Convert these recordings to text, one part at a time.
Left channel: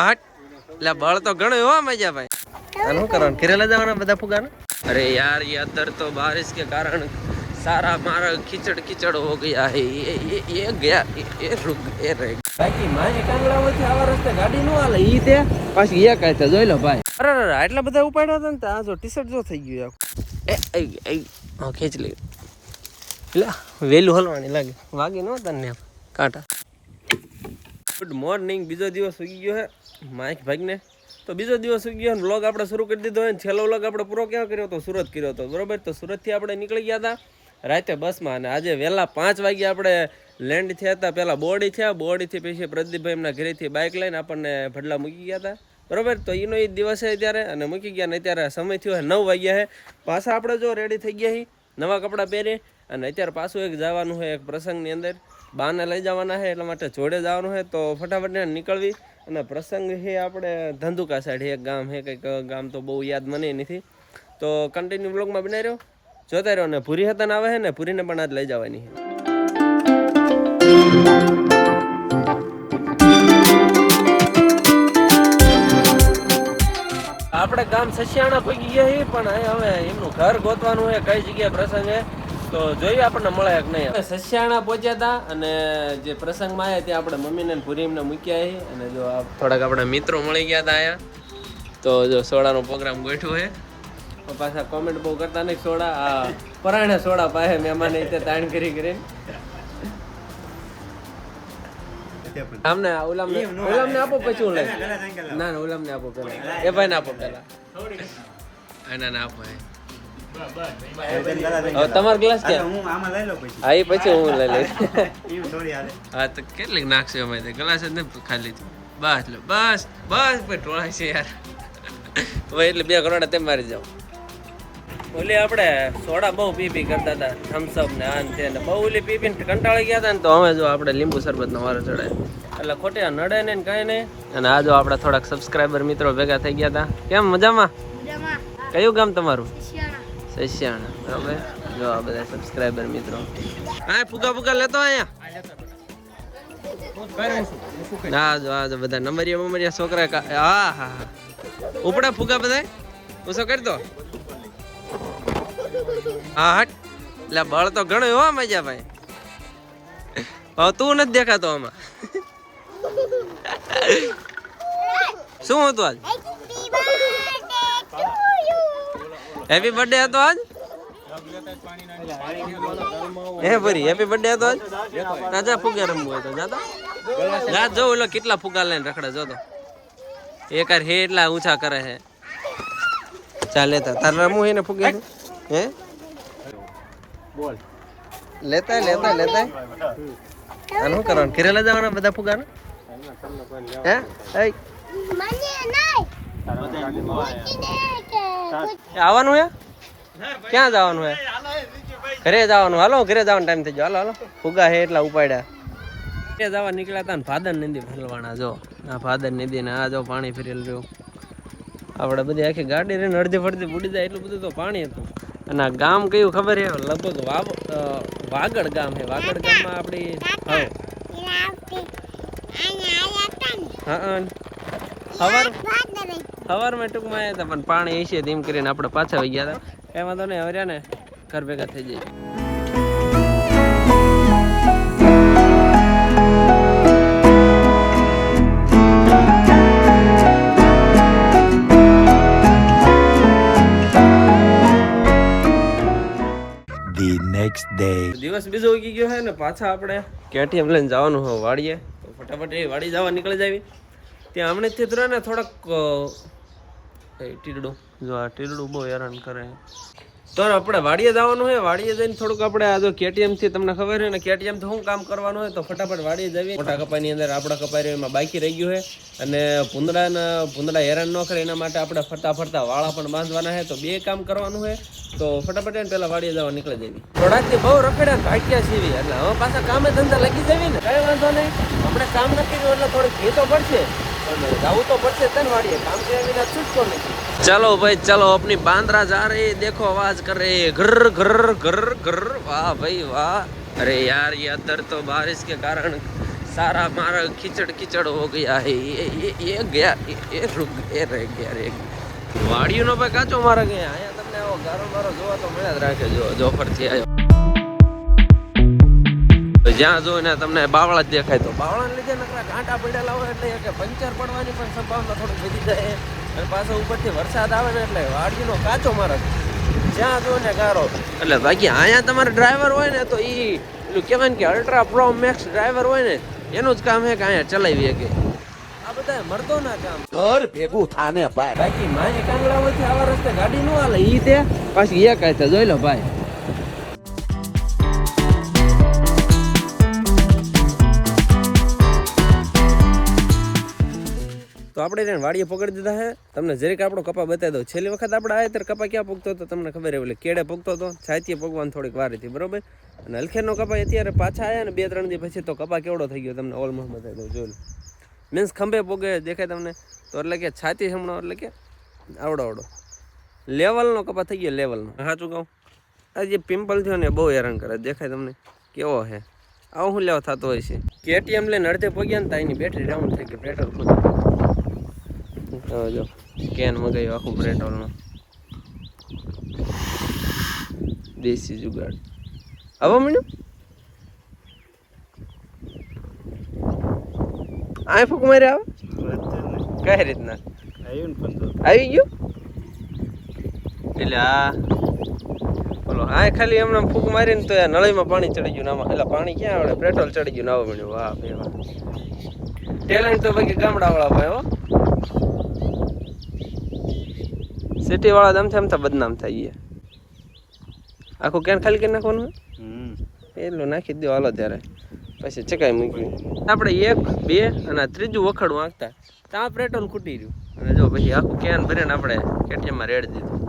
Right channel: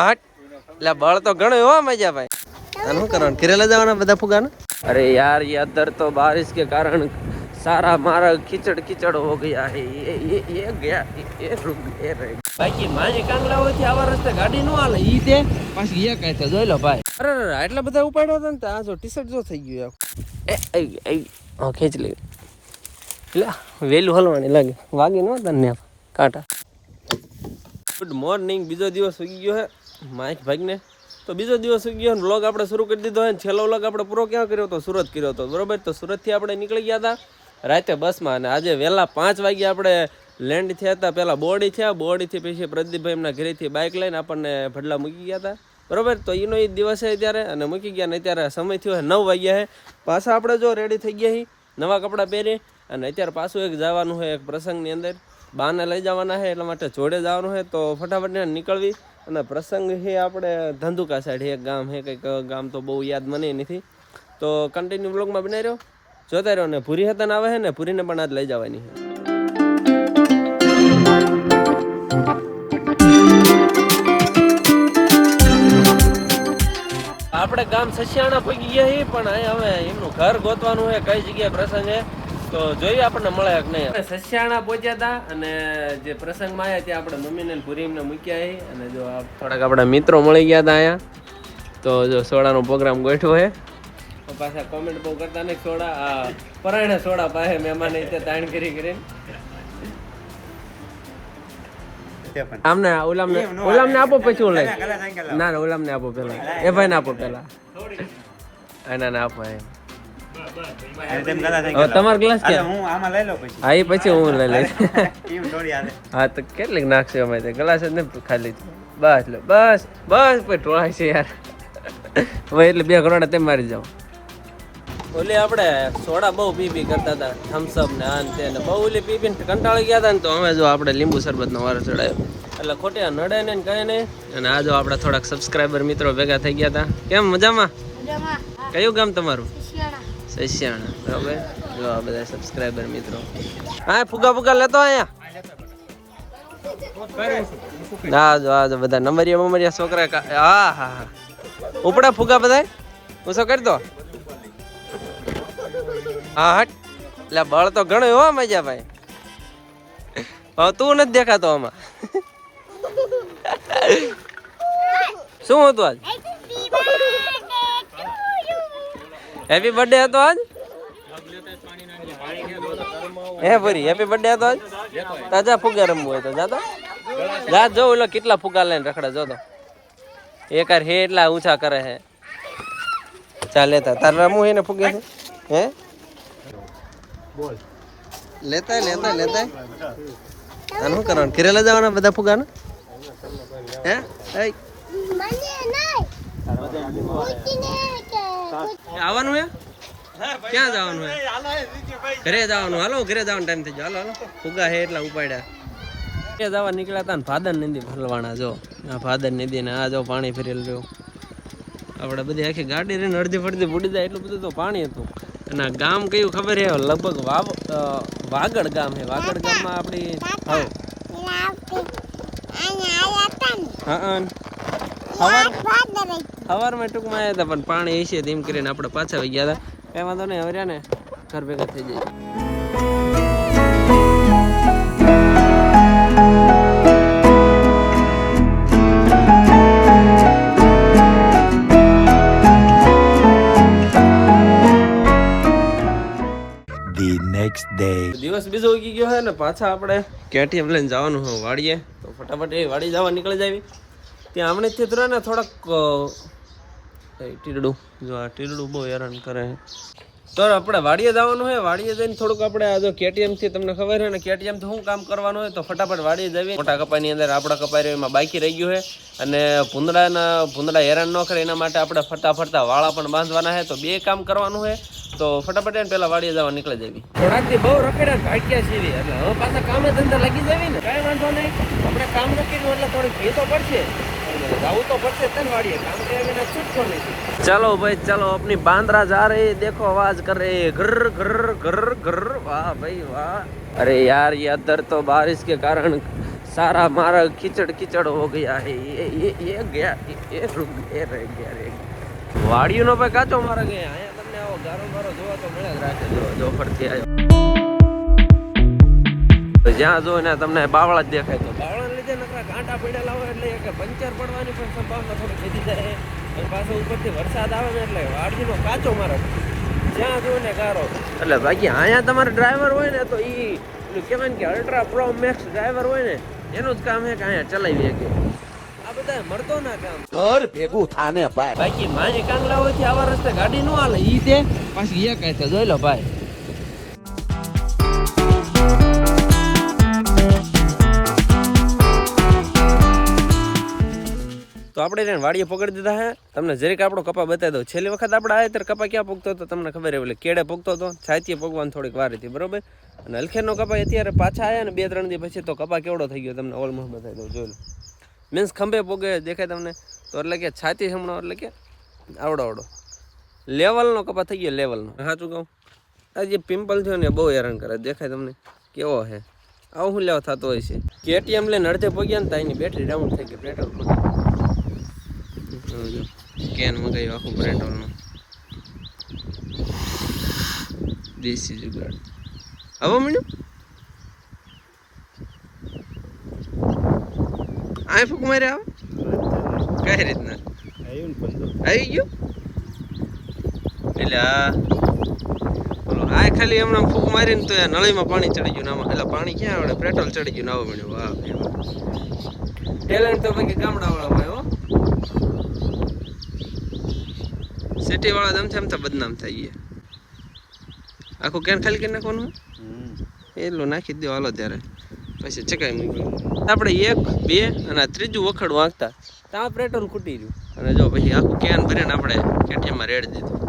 હટ એટલે બળ તો ઘણો હો મજા ભાઈ આનું કરવાનું કિરેલા જવાના બધા ફુગાને अरे यार ये अंदर तो बारिश के कारण सारा हमारा कीचड़ कीचड़ हो गया है ये गया ये रुक ये रह बाकी माजे कांगड़ा होती आवर रस्ते गाड़ी नो आले ઈ તે પાછી એ કહે છે જોઈ લો ભાઈ અરે અરે આટલા બધા ઉપાડ્યા હતા ને તો આ જો ટી-શર્ટ જો થઈ ગયું એ આ ખેંચ લે લે વેલું હલવાની લાગે વાગી નો તને કાંટા ગુડ મોર્નિંગ બીજો દિવસ ઉગી ગયો હે માઈક ભાગને તો બીજો દિવસ ઉગી ગયો વ્લોગ આપણે શરૂ કરી દીધો અને છેલ્લો વ્લોગ આપણે પૂરો ક્યાં કર્યો તો સુરત કર્યો હતો બરોબર તો સુરતથી આપણે નીકળી ગયા હતા રાતે બસમાં અને આજે વહેલા 5 વાગે આપણે લેન્ડ થયા હતા પહેલાં બોડી થયા બોડીથી પછી પ્રદીપભાઈ એમના ઘરેથી બાઇક લઈને આપણને ભડલા મૂકી ગયા હતા બરોબર તો એનો એ દિવસ છે ત્યારે અને મૂકી ગયા ને અત્યારે સમય થયો 9 વાગ્યા છે પાછા આપણે જો રેડી થઈ ગયા છીએ નવા કપડાં પહેરી અને અત્યારે પાછું એક જવાનું છે એક પ્રસંગની અંદર બાને લઈ જવાના છે એટલા માટે જોડે જવાનું છે તો ફટાફટ નીકળવી અને પ્રસંગ છે આપણે ધંધુકા સાઈડ એક ગામ છે કંઈક ગામ તો બહુ યાદ મને નથી તો કન્ટિન્યુ બ્લોગમાં બનાવી રહ્યો જોતા રહ્યો ને પૂરી હતન આવે છે ને પૂરીને પણ આજ લઈ જવાની છે આપણે ગામ સસિયાણા પહોંચી ગયા છીએ પણ અહીંયા હવે એમનું ઘર ગોતવાનું છે કઈ જગ્યાએ પ્રસંગ છે તો જોઈએ આપણને મળે કે નહીં સસિયાણા પહોંચ્યા હતા અને જે પ્રસંગમાં આવ્યા ત્યાં આપણે મમ્મીને પૂરી એમને મૂક્યા છે અને જો થોડાક આપણા મિત્રો મળી ગયા હતા અહીંયા તો જો સોડાનો પ્રોગ્રામ ગોઠવો છે પાછા કોમેન્ટ બહુ કરતા નહીં સોડા આ પરાણે સોડા પાસે મહેમાન તે તાણ કરી કરીને આમને ઓલામને આપો પછી ઓલા ના ના ઓલામને આપો પેલા એ ભાઈ ને આપો પેલા ના ના આપો તમારો ગ્લાસ કે હું આમાં લઈ લઉં પછી હા એ પછી હું લઈ લઈશ એવું થોડી હાલે હા તો કેટલીક નાખશે અમે તો ગ્લાસ જ ને ખાલી બસ લો બસ બસ પછી ઢોળાય છે યાર હવે એટલે 2 કરોડ તેમ મારી જાવ ઓલી આપણે સોડા બહુ પી કરતા હતા થમ્સઅપ ને આ ને તે બહુ ઓલી પીને કંટાળી ગયા હતા ને તો અમે જો આપણે લીંબુ શરબતનો વારો ચડાવ્યો એટલે ખોટે નડે ને કાંઈ નહીં અને આ જો આપણા થોડાક સબસ્ક્રાઈબર મિત્રો ભેગા થઈ ગયા હતા કેમ મજામાં કયું ગામ તમારું સસિયાણા બરાબર જો આ બધા સબસ્ક્રાઈબર મિત્રો હા ફુગા લેતો અહીંયા ના જો આ જો બધા નંબરિયા છોકરા હા હા હા ઉપડા ફુગા બધા હું શું કરી દો હા હટ એટલે બળ તો ઘણો હો મજા ભાઈ હવે તું નથી દેખાતો આમાં શું હતું આજ હેપી બર્થડે હતો આજ હે ભરી હેપી બર્થડે હતો આજ તાજા ફુગા રમવું હોય તો જાતો જા જો ઓલો કેટલા ફુગા લઈને રખડે જો તો એકાર હે એટલા ઊંચા કરે હે ચાલ લેતા તાર રમવું હે ને ફુગે છે હે બોલ લેતા આનું શું કરવાનું કિરેલા જવાના બધા ફુગાને હે આવવાનું હે ક્યાં જવાનું હે ઘરે જવાનું હાલો ઘરે જવાનો ટાઈમ થઈ ગયો હાલો ફુગા હે એટલા ઉપાડ્યા ઘરે જવા નીકળ્યા હતા ને ભાદર નદી ભરવાના જો આ ભાદર નદી ને આ જો પાણી ફરેલું રહ્યું આપણે બધી આખી ગાડી રહીને અડધી ફડધી બુડી જાય એટલું બધું તો પાણી હતું અને આ ગામ કયું ખબર છે લગભગ વાગડ ગામ છે વાગડ ગામમાં આપણી સવારમાં ટૂંકમાં આવ્યા હતા પણ પાણી હશે તેમ કરીને આપણે પાછા આવી ગયા હતા કઈ વાંધો નહીં હવે ને ઘર ભેગા થઈ જાય દિવસ બીજો ઉગી ગયો છે ને પાછા આપણે કેટીએમ લઈને જવાનું હોય વાડીએ તો ફટાફટ એ વાડી જવા નીકળી જાવી ત્યાં હમણાં જ થયું ને થોડાક ટીરડું જો આ ટીરડું બહુ હેરાન કરે તો આપણે વાડીએ જવાનું હોય વાડીએ જઈને થોડુંક આપણે આ જો કેટીએમથી તમને ખબર છે ને કેટીએમથી શું કામ કરવાનું હોય તો ફટાફટ વાડીએ જવી મોટા કપાઈની અંદર આપણા કપાઈ એમાં બાકી રહી ગયું છે અને ભૂંદડા હેરાન ન કરે એના માટે આપણે ફટાફટ વાળા પણ બાંધવાના છે તો 2 કામ કરવાનું છે તો ફટાફટ એને પેલા વાડીએ જવા નીકળી જવી થોડાકથી બહુ રખડ્યા ભાગ્યા છીએ એટલે હવે પાછા કામે ધંધા લાગી જવી ને કઈ વાંધો નહીં આપણે કામ ન કર્યું એટલે થોડીક ઘી તો પડશે જવું તો પડશે તને વાડીએ કામ કર્યા વિના છૂટકો નથી चलो भाई चलो अपनी बांद्रा जा रही देखो आवाज कर रही है घर घर घर घर वाह भाई वाह अरे यार ये अंदर तो बारिश के कारण सारा मारा कीचड़ कीचड़ हो गया है ये गया ये रुक ये रह गया वाड़ियों નો ભાઈ કાચો મારે ગયા અહીંયા તમને આવો ગારો મારો જોવા તો મળ્યા જ રાખે જો જોફરથી આવ્યો જ્યાં જો ને તમને બાવળા જ દેખાય તો બાવળાને લીધે નકરા કાંટા પડેલા હોય એટલે કે પંચર પડવાની પણ સંભાવના થોડી વધી જાય અને પાછો ઉપરથી વરસાદ આવે ને એટલે વાડીનો કાચો મારે જ્યાં જો ને ગારો એટલે બાકી અહીંયા તમારે ડ્રાઈવર હોય ને તો ઈ પેલું કહેવાય ને કે અલ્ટ્રા પ્રો મેક્સ ડ્રાઈવર હોય ને એનું જ કામ છે કે અહીંયા ચલાવી શકે આ બધા મળતો ના કામ ઘર ભેગું થાને ભાઈ બાકી માહે કાંગલા હોય થી આવા રસ્તે ગાડી નો હાલે ઈ તે પાછી એક આતે જોઈ લો ભાઈ તો આપણે એને વાડીએ પકડી દીધા હે તમને જરીક આપણો કપા બતાવી દઉં છેલ્લી વખત આપણે આવ્યા ત્યારે કપા ક્યાં પકતો હતો તમને ખબર એટલે કેડે પકતો હતો છાતીએ પકવાની થોડીક વાર હતી બરોબર અને હલખેરનો કપા અત્યારે પાછા આવ્યા ને 2-3 દી પછી તો કપા કેવડો થઈ ગયો તમને ઓલમોસ્ટ બતાવી દઉં જોઈ લો મીન્સ ખંભે પોગે દેખાય તમને તો એટલે કે છાતી હમણાં એટલે કે આવડો લેવલનો કપા થઈ ગયો લેવલનો સાચું કહું આ જે પિમ્પલ થયો ને બહુ હેરાન કરે દેખાય તમને કેવો હે આવું શું લેવા થતો હોય છે કેટીએમ લઈને અડધે પગ્યા ને તો એની બેટરી ડાઉન થઈ ગઈ પેટ્રોલ તો જો કેન મગાવ્યું આખું પેટ્રોલનું દેશી જુગાડ હવે મળ્યું આ ફૂક મારે આવે કઈ રીતના આવી ગયું એટલે આ બોલો આ ખાલી હમણાં ફૂક મારીને તો નળીમાં પાણી ચડી ગયું નામાં એટલે પાણી ક્યાં આવડે પેટ્રોલ ચડી ગયું નાવા મળ્યું વાહ ભાઈ વાહ ટેલેન્ટ તો બાકી ગામડાવાળા ભાઈ હો સિટી વાળા દમ એમ તો બદનામ થઈ ગયા આખું કેન ખાલી કરી નાખવાનું એટલું નાખી દો હાલો ત્યારે પછી ચકાઈ મૂક્યું આપણે 1 2 અને ત્રીજું વખડ વાંકતા ત્યાં પેટ્રોલ ખૂટી રહ્યું અને જો પછી આખું કેન ભરીને આપણે કેટીએમમાં રેડ દીધું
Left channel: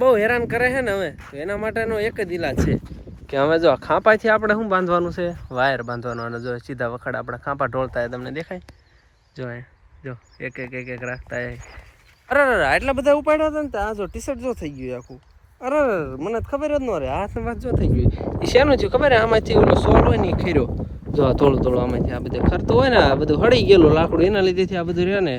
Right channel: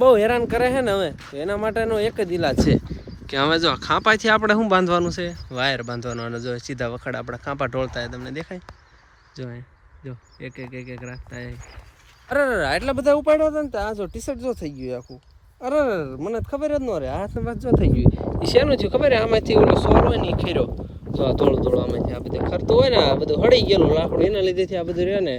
બહુ હેરાન કરે છે ને હવે એના માટેનો એક જ ઈલાજ છે કે હવે જો ખાંપાથી આપણે શું બાંધવાનું છે વાયર બાંધવાનો અને જો સીધા વખડ આપણે ખાંપા ઢોળતા તમને દેખાય જો એક રાખતા અરે આટલા બધા ઉપાડ્યા હતા ને આ જો ટી શર્ટ જો થઈ ગયું આખું અરે મને ખબર જ ન રહે હાથ વાત જો થઈ ગયું એ શેનું થયું ખબર આમાંથી પેલો સોલ હોય ને એ ખીરો જો આ થોડું આમાંથી આ બધું ખરતો હોય ને આ બધું હળી ગયેલું લાકડું એના લીધેથી આ બધું રહે ને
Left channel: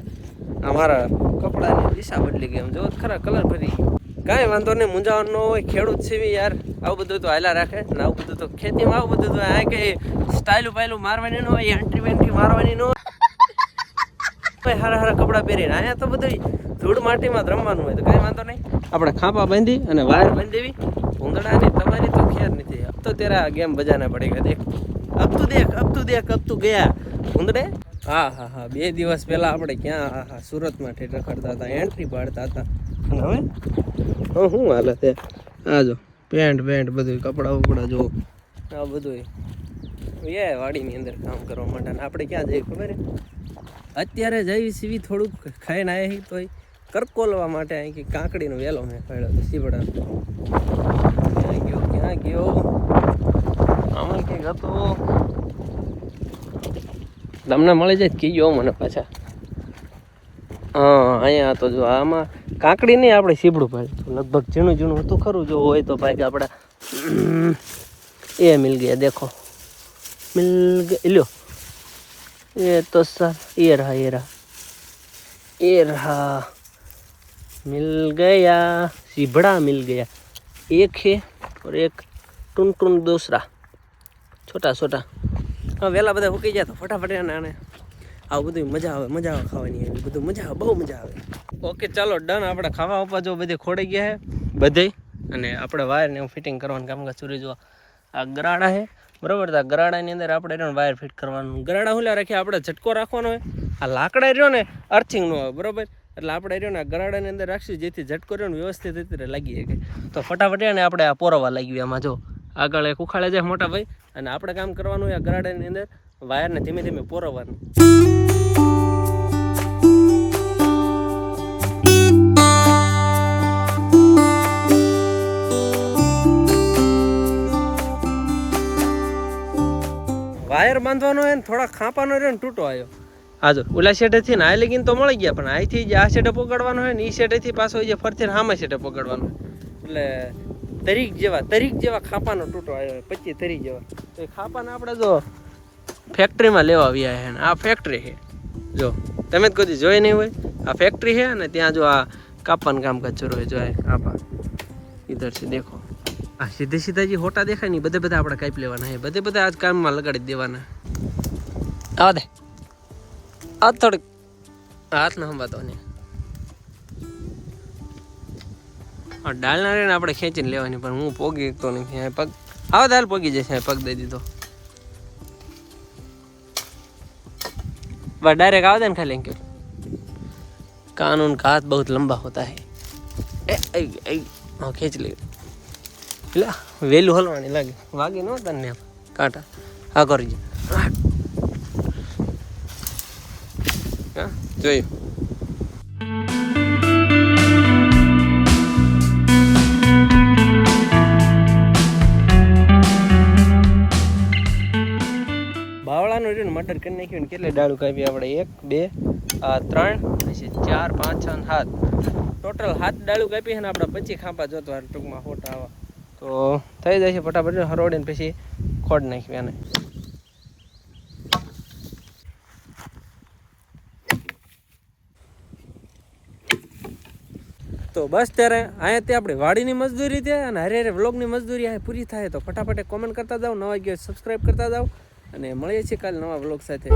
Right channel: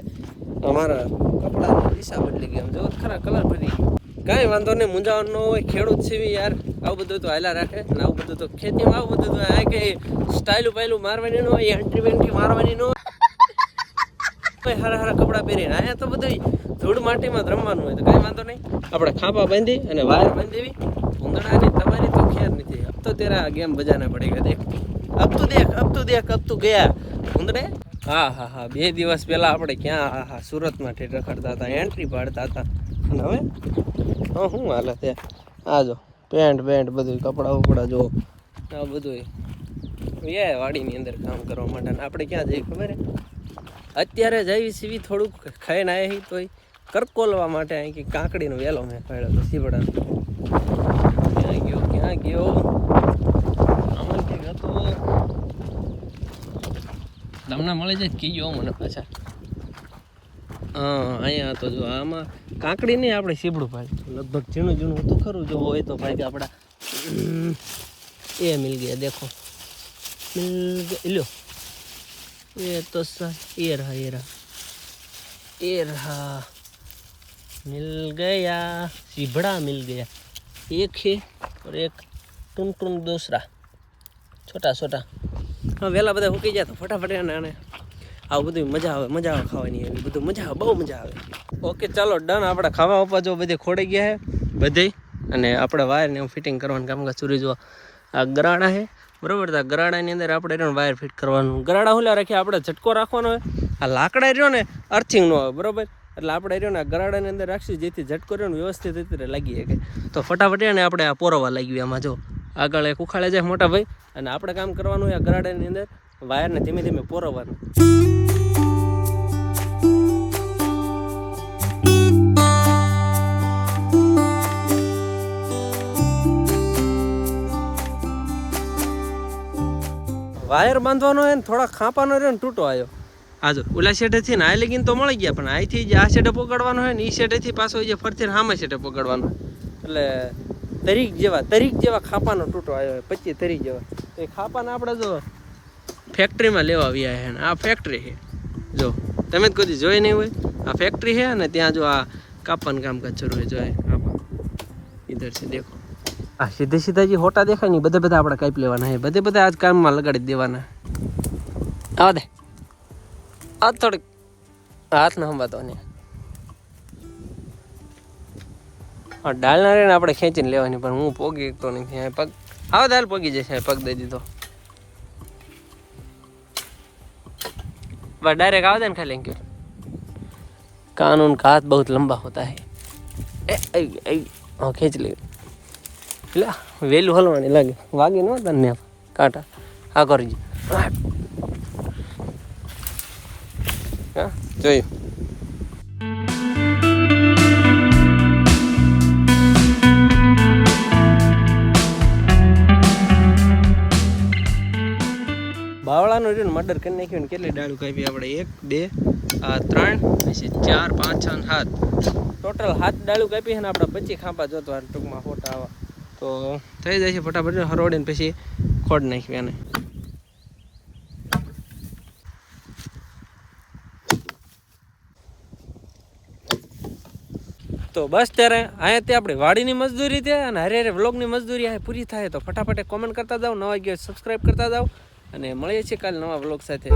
મારા કપડાની દિશા બદલી ગઈ આમ જો ખરા કલર ભરી ગયો કાંઈ વાંધો નહીં મૂંઝાવાનું ન હોય ખેડૂત સીવી યાર આવું બધું તો હાલા રાખે ને આવું બધું તો ખેતીમાં આવું બધું તો આ કંઈ સ્ટાઇલું પાયલું મારવાની ન હોય એન્ટ્રી વેન્ટ્રી મારવાની ન હોય હારા કપડાં પહેરીને અહીંયા તો બધું ધૂળ માટીમાં જ રમવાનું હોય તો કાંઈ વાંધો નહીં આપણે ખાંપા બાંધી અને વાયર બાંધી દેવી ભૂંગળાની તમારી તો ખેર નથી અબ તો તેરા ગેમ બજાના પડેગા દેખ અબ તું ગયા ભૂંગળે હા 2 દિવસ પહેલા આપણે ક્યાં સુરતમાં ઠેઠ રખડતા હતા એન્ટ્રી પાડતા હતા અને હવે શું હાલે તે આ જો પેન્ટ બધું કપડા જો આ બધું એ વાડીની અંદર કામ કરવા માટે આપણે ક્યાં જઈએ ખબર હે અત્યારે જઈ સીવી થોડુંક ખાઈને આવી તોય કરકોલવા માટે અહીં કે કાંકડીનો વેલો મેં ખાડ્યો તો સીવડાનો ક્યાં ગયો આમાં કંઈક હતો તમને મળી જાય કીજો મને પાછા અહીંયા તો જો આમાં કાંકડી નહીં આપણે સીબડું પાડ્યું લગભગ ઝીણું હતું ખરું જો હોય તો ભાઈ આપણા એ મિલ ગયા દેખો મિલ ગયા લ્યો એ તો સર એ रहा मिल गया सीबड़ा मिल गया एक है और एक टून दूसरा छोटा हाँ वेला બધા હુકી જાય તો ફટાફટ આને આવું બધું મજા આવે ખાવાની એવી બધું મજા આવે બહુ મજા આવે ઓકે ચાલો ડન આપણે ખાવા આપવા જો બધે ખોડી ગયા હે બધે અને આપણે વાયરને એવું ફિટિંગ કરવાનું કામકાજ ચૂરી જો આ ગરાડા છે બરાબર તો આ ગરાડાની અંદર આપણે એનો વાયર ફિટ કરવાનું ગરાડા હુલા રાખીએ આપણે ઝટકો રાખવાનો હોય આ લાકડા રહ્યો ને અર્થિંગ નો આવે બરાબર એટલે આપણે રહ્યો ને આ ગરાડાની અંદર રાખીએ જેથી ઝટકો રહ્યો ને વ્યવસ્થિત રીતે લાગી શકે તો ફટાફટ ને આપણે આ પોરવા લાગી આમાં જો આગળ એક ઉખાડે જાય મોટા ભાઈ અને આપણે કામ કરવાનું હોય આ ગરાડાની અંદર વાયરને ધીમે ધીમે પોરવવાનું વાયર બાંધવાનો હોય ને થોડા ખાંપાનો રહ્યો ને તૂટો આવ્યો. હા જો ઓલા શેઠેથી ને આ લગીને તો મળી ગયા, પણ અહીંથી જે આ શેઠે પકડવાનો હોય ને એ શેઠેથી પાછો જે ફરતી હામા શેઠે પકડવાનો હોય, એટલે તરીક જેવા ખાંપાનો તૂટો આવ્યો હોય, 25 તરીક જેવા. તો એ ખાંપાને આપણે જો ફેક્ટરીમાં લેવા આવ્યા છે. આ ફેક્ટરી છે, જો તમે જ કોઈ જોઈ નહીં હોય. આ ફેક્ટરી છે ને ત્યાં જો આ કાપવાનું કામકાજ શરૂ હોય. જો આપા ઇધર છે દેખો, આ સીધે સીધા જે હોટા દેખાય ને બધા આપણે કાપી લેવાના છે. બધા આજ કામમાં લગાડી દેવાના. આવા દે આ થોડીક હાથ ના સંભાતો ને ડાળના રે ને આપણે ખેંચીને લેવાની, પણ હું પોગી તો નહીં. પગ આવા દાલ પોગી જશે. પગ દઈ દીધો बस डायरेक्ट आवेदन कर लेंगे. कानून का हाथ बहुत लंबा होता है. खींच ले वेलू हलवाने लगे वागे न तने कांटा हाँ कर જોયું. બાવળાનું રહ્યું ને મર્ડર કરી નાખ્યું ને કેટલી ડાળું કાપી આપણે? 1 2 3 પછી 4 5 6 7 ટોટલ 7 ડાળું કાપી છે ને આપણે 25 ખાંપા જોતો ટૂંકમાં ફોટા આવા તો થઈ જાય છે. ફટાફટ હરોડીને પછી ખોડ નાખ્યું એને. તો બસ ત્યારે અહીંયાથી આપણે વાડીની મજદૂરી છે અને હારે વ્લોગની મજદૂરી અહીં પૂરી થાય. તો ફટાફટ કોમેન્ટ કરતા જાઓ, નવા ગયો સબસ્ક્રાઈબ કરતા જાઓ અને મળીએ છીએ કાલે નવા વ્લોગ સાથે.